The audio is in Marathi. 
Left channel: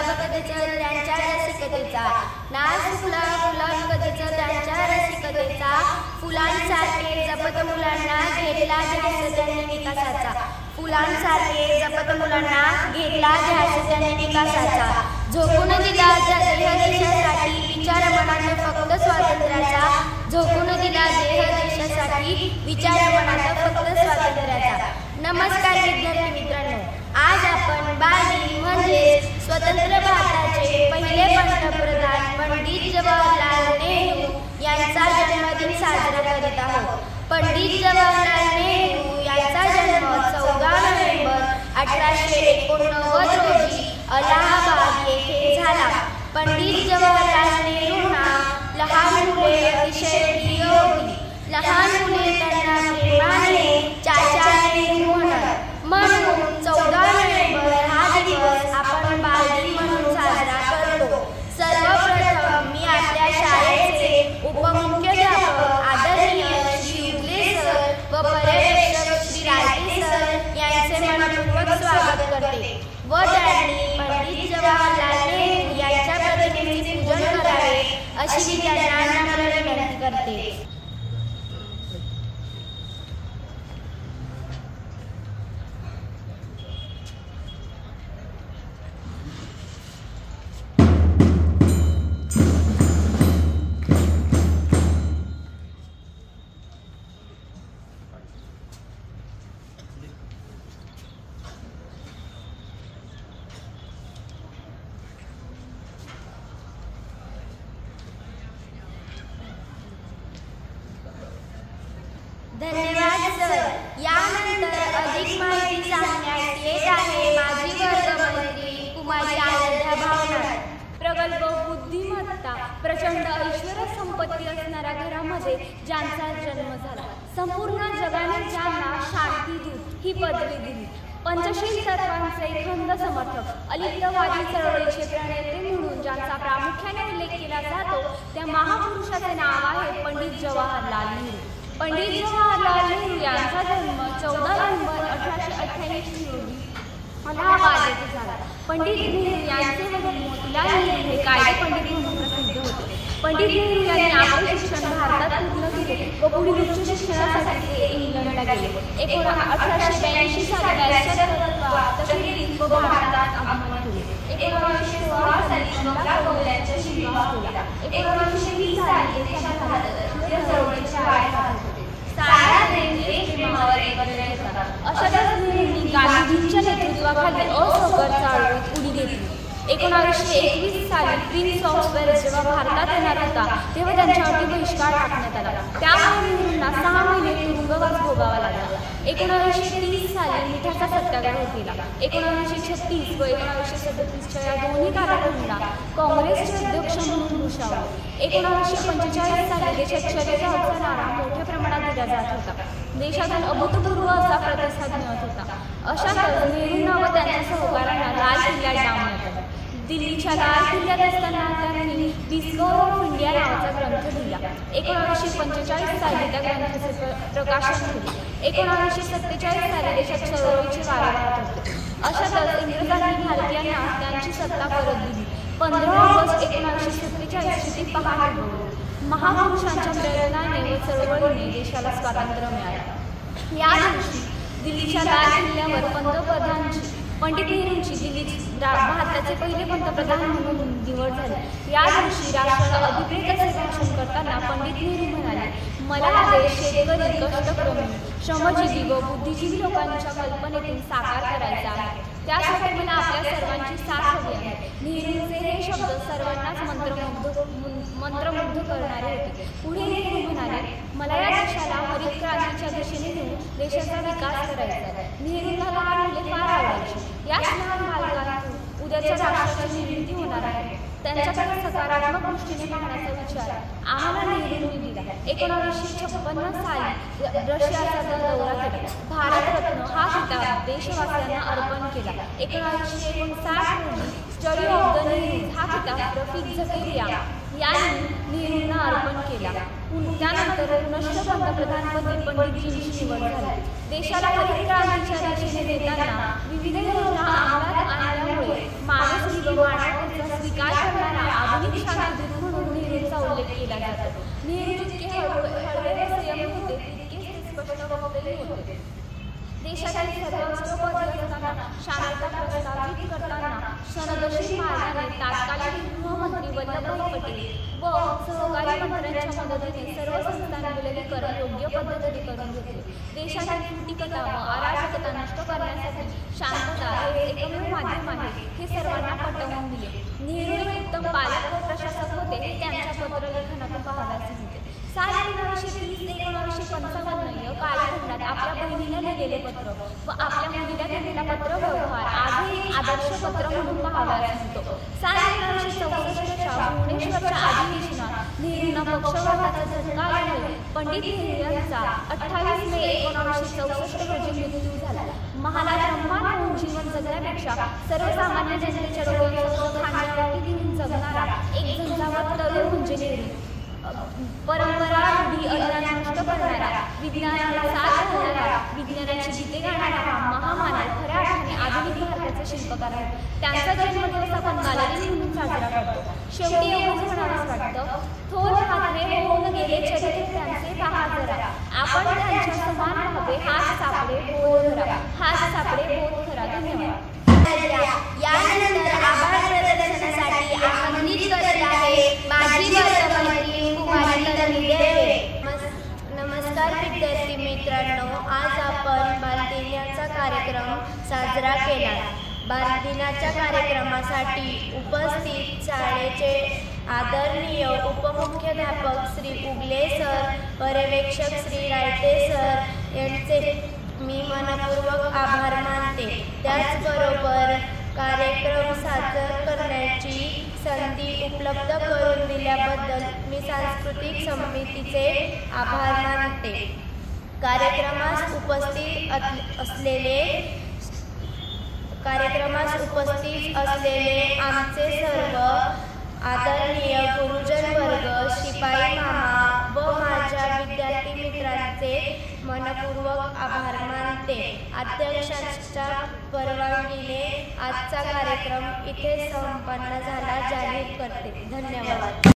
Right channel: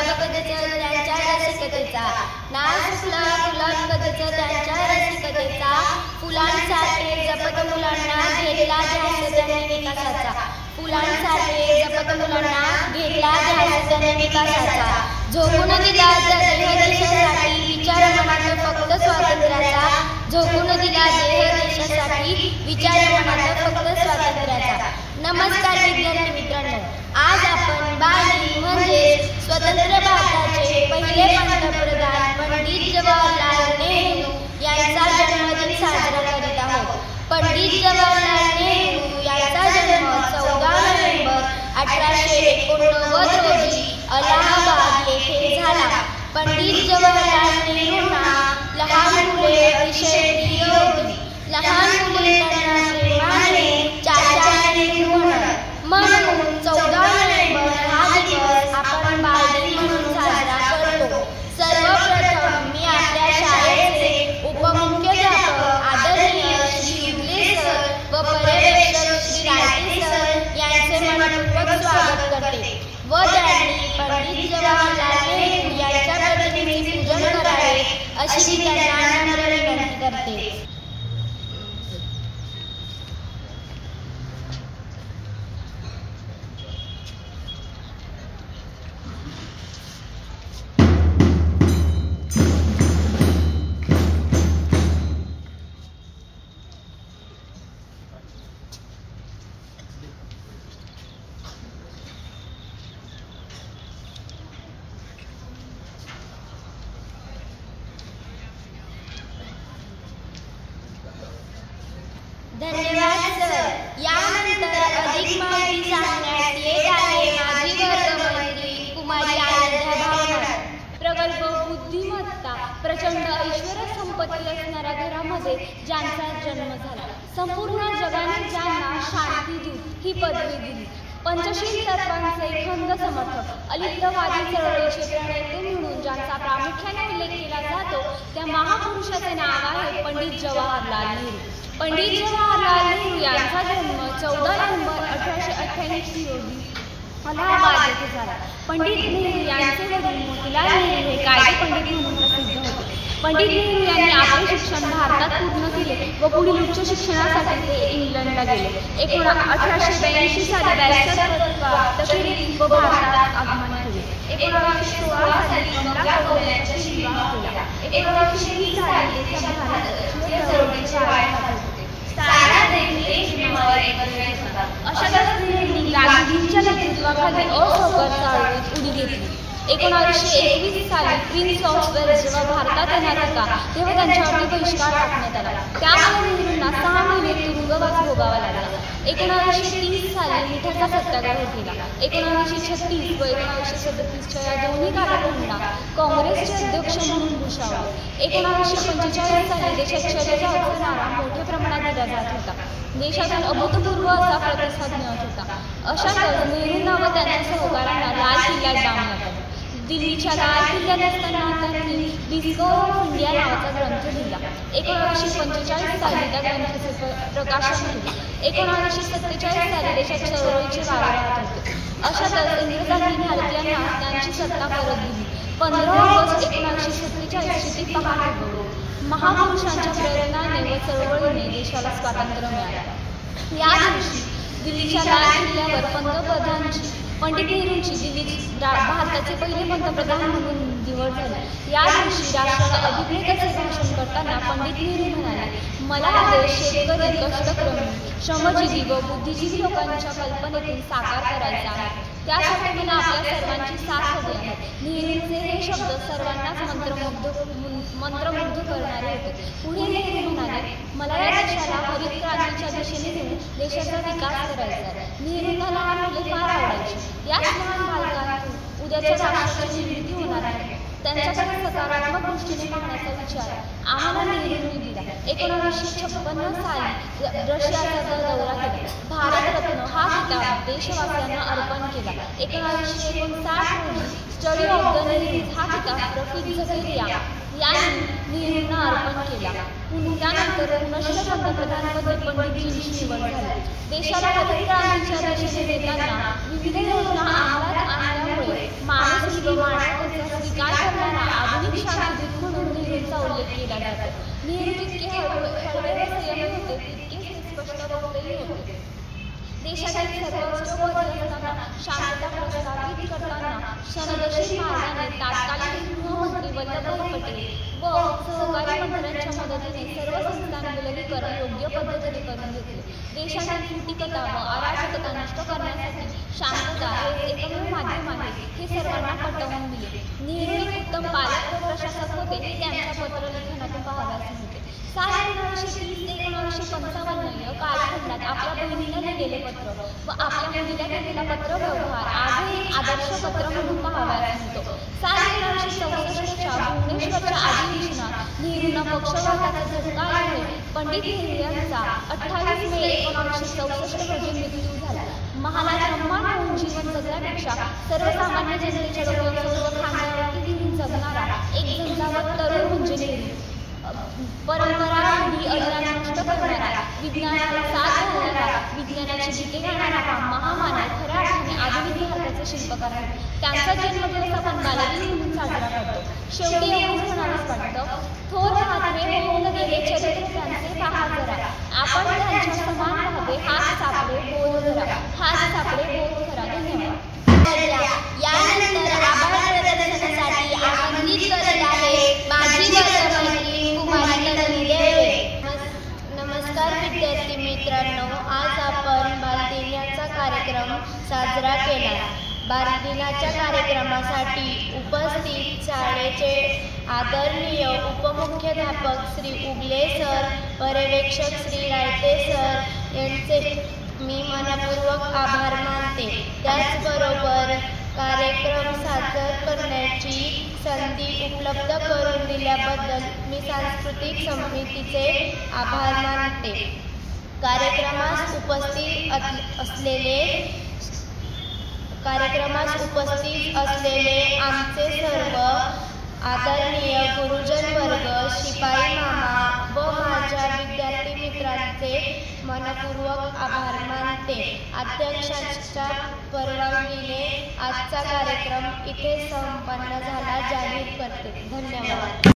गुलाब कधीचं त्यांच्या रसिकतेचा, नाच फुला गुलाब कधीचं त्यांच्या रसिकतेचा, फुलांसारखे जपत मुलांना घेतला ध्यास त्यांनी विकासाचा, फुलांसारखे जपत मुलांना घेतला ध्यास त्यांनी विकासाचा, झोकून दिला देह देशासाठी विचार मनात फक्त स्वातंत्र्याचा, झोकून दिला देह देशासाठी विचार मनात फक्त स्वातंत्र्याचा. नमस्कार विद्यार्थी मित्रांनो, आज आपण बालदिन म्हणजे स्वतंत्र भारताचे पहिले पंतप्रधान पंडित जवाहरलाल नेहरू यांचा जन्मदिन साजरा करीत आहोत. पंडित जवाहरलाल नेहरू यांचा जन्म 14 नोव्हेंबर 1889 रोजी अलाहाबाद येथे झाला. पंडित जवाहरलाल नेहरूंना लहान मुले अतिशय प्रिय होती. लहान मुले त्यांना प्रेमाने चाचा नेहरू म्हणत. म्हणून 14 नोव्हेंबर हा दिवस आपण बालदिन म्हणून साजरा करतो. सर्वप्रथम मी आपल्या शाळेचे उपमुख्याध्यापक आदरणीय श्री युगले सर व पर्यवेक्षक श्री रायते सर यांचे मनपूर्वक स्वागत करते व त्यांनी पंडित जवाहरलाल नेहरू यांच्या प्रतिमेचे पूजन करावे अशी मी त्यांना नम्र विनंती करते. धन्यवाद सर. यानंतर अधिक माहिती सांगण्यात येत आहे माझी वर्गमैत्रीण कुमारी आराध्या भावनार. प्रगल्भ बुद्धिमत्ता, प्रचंड ऐश्वर्य संपत्ती असणाऱ्या घरामध्ये ज्यांचा जन्म झाला, संपूर्ण जगाने ज्यांना शांतीदूत ही पदवी दिली, पंचशील तत्वांचे खंद समर्थक, अलिप्तवादी चळवळीचे प्रणेते म्हणून ज्यांचा प्रामुख्याने उल्लेख केला जातो त्या महापुरुषाचे नाव आहे पंडित जवाहरलाल नेहरू. पंडित जवाहरलाल नेहरू यांचा जन्म 14 नोव्हेंबर 1898 रोजी अलाहाबाद येथे झाला. पंडित नेहरू यांचे वडील मोतीलाल नेहरू हे कायदे पंडित म्हणून प्रसिद्ध होते. पंडित नेहरू यांनी आपले शिक्षण भारतात पूर्ण केले व पुढील उच्च शिक्षणासाठी ते इंग्लंडला गेले. 1882 साली बॅरिस्टर तशरीफ व भारतात आगमन केले. 1916 साली कमला यांच्याशी विवाह केला. 1920 साली देशात भारत या चळवळीचे आयोजन होते. अशातच नेहरूंनी गांधीजींच्या नेतृत्वाखाली असहकार चळवळीत उडी घेतली. 1921 साली प्रिन्स ऑफ वेल्स जेव्हा भारतात येणार होता तेव्हा त्यांच्यावरती बहिष्कार टाकण्यात आला. त्यामुळे नेहरूंना 6 महिने तुरुंगवास भोगावा लागला. 1930 साली मिठाचा सत्याग्रह केला. 1936 व 1937 या दोन्ही कालावधीला काँग्रेसचे अध्यक्ष म्हणून भूषवले. 1945 साली देशात शौर्याचा नारा मोठ्या प्रमाणात दिला जात होता. देशातून अभूतपूर्व असा प्रतिसाद मिळत होता. अशातच नेहरूंना व त्यांच्या सहकाऱ्यांना लाल किल्ल्यात डांबण्यात आले. दिल्लीच्या लाल किल्ल्यात असताना त्यांनी डिस्कवर ऑफ इंडिया नावाचा ग्रंथ लिहिला. 1945 साली त्या ग्रंथाचे प्रकाशन केले. 1947 साली देशात चळवळीचे वारे वाहत होते. अशातच इंग्रजांनी भारतीयांना त्यांची सत्ता परत दिली. 15 ऑगस्ट 1947 ती पहाट उगवली. महापुरुषांच्या प्रेरणेने व चळवळीने देशाला स्वातंत्र्य मिळाले. या दिवशी दिल्लीच्या लाल किल्ल्यावर पंडित नेहरूंची भारताचे पहिले पंतप्रधान म्हणून निवड झाली. या दिवशी राष्ट्राला अभिप्रेत असे भाषण करताना पंडित नेहरू म्हणाले, मला हा देश शेतकरी, कष्टकर्मी, श्रमजीवी व बुद्धिजीवी लोकांच्या कल्पनेतून साकार करायचा आहे. त्यासाठी मला आपल्या सर्वांची साथ हवी आहे. नेहरूंचे हे शब्द सर्वांनाच मंत्रमुग्ध करणारे होते. पुढे नेहरू म्हणाले, मला या देशाला हरित क्रांतीच्या दिशेने घेऊन देशाचा विकास करायचा आहे. नेहरूंना लहान मुले फार आवडायची. याच लहान बालकांतून उद्याच्या राष्ट्राची निर्मिती होणार आहे. त्यांच्याकडे सकारात्मक दृष्टीने पाहण्याचा विचार आम्हाला नेहरूंनी दिला. 1956 साली रशियाचा दौरा केला. भारतरत्न हा किताब देशवासियांना अर्पण केला. 1959 रोजी स्टडी ऑफ द नेहरू हा किताब रफीक झकेरिया यांनी नेहरूंना अर्पण केला. त्यानंतर पुनश्च पंतप्रधानपदी पंडितजींची निवड झाली. देशाला हरित क्रांतीच्या दिशेने नेताना विविध योजना अंमलात आणल्यामुळे माणूस शांती व मानवतेचा स्वीकार करणारा आधुनिक शांतीदूत म्हणून नेहरूंचा उल्लेख केला जातो. नेहरू जितके हळवे व संयमी होते तितकेच ते स्पष्ट वक्तही होते. देशातील सर्वोच्चपदी असताना शांतता प्रस्थापित करताना क्षणदर्शी मार्गाने तत्कालीन गृहमंत्री वल्लभभाई पटेल व सहकारी मंत्र्यांच्या मदतीने सर्व संस्थांनी विलगीकरण योग्य पद्धतीने करून घेतले. देशातील फुटीकता व अराजकता नष्ट करण्यासाठी शांतता हे एकमेव माध्यम आहे हे सर्वांना पटवून दिले. नेहरू एक उत्तम पालक व प्रशासक होते हे त्यांच्या पत्रलेखनातून पाहावयाचे होते. साल 1930 ते 1955 या कालखंडात आपल्या बहिणीला लिहिलेले पत्र व आपल्या मुलीला लिहिलेला पत्रव्यवहार आजही आदर्श पत्र म्हणून पाहावयास मिळतो. साल 1964च्या भुवनेश्वरच्या अधिवेशनात नेहरूंना पक्षवाताचा झटका आल्यामुळे पंडित नेहरू यांचा 28 मे 1964 रोजी मृत्यू झाला. महालात रम्मान होऊन जीवन जगण्यापेक्षा सर्वसामान्य जनतेच्या डोक्यावर खांद्यावरती घेऊन जगणारा एक झंझावात तरुण म्हणजे नेहरू. परंपरा रूढी अज्ञान नष्ट करणारा, विज्ञानाला साथ घालणारा, विज्ञानाची गीते गाणारा हा महामानव खऱ्या अर्थाने आधुनिक भारताचे शिल्पकार आहे. त्यांचा जन्मदिवस आपण बालदिन म्हणून साजरा करतो. शेवटी एवढंच म्हणावंच वाटतं, थोर महात्मे होऊन गेले चरित्र त्यांचे पहा जरा, आपण त्यांच्या समान राहावे हाच सापडे बोध धरा, हाच सापडे बोध धरा. धन्यवाद. यानंतर आभार प्रदर्शनासाठी आमंत्रित करत आहे माझी वर्गमैत्रीण कुमारी तन्वी देवे. नमस्कार विद्यार्थी मित्रांनो, आज आपण बालदिनाचा कार्यक्रम साजरा केला. बालदिनाच्या कार्यक्रमासाठी उपस्थित शाळेचे आदरणीय उपमुख्याध्यापक श्री उगले सर, पर्यवेक्षक श्री रायते सर यांचे मी मनपूर्वक आभार मानते. त्याचबरोबर कार्यक्रम सादर करण्याची संधी उपलब्ध करून दिल्याबद्दल मी सांस्कृतिक समितीचे आभार मानते. कार्यक्रमास उपस्थित असलेले आमचे सर्व आदरणीय गुरुजन वर्ग, शिपाई मामा व माझ्या विद्यार्थी मित्रांचे मनपूर्वक आभार मानते. अध्यक्षांच्या परवानगीने आजचा कार्यक्रम इथे संपन्न झाला जाहीर करते. धन्यवाद.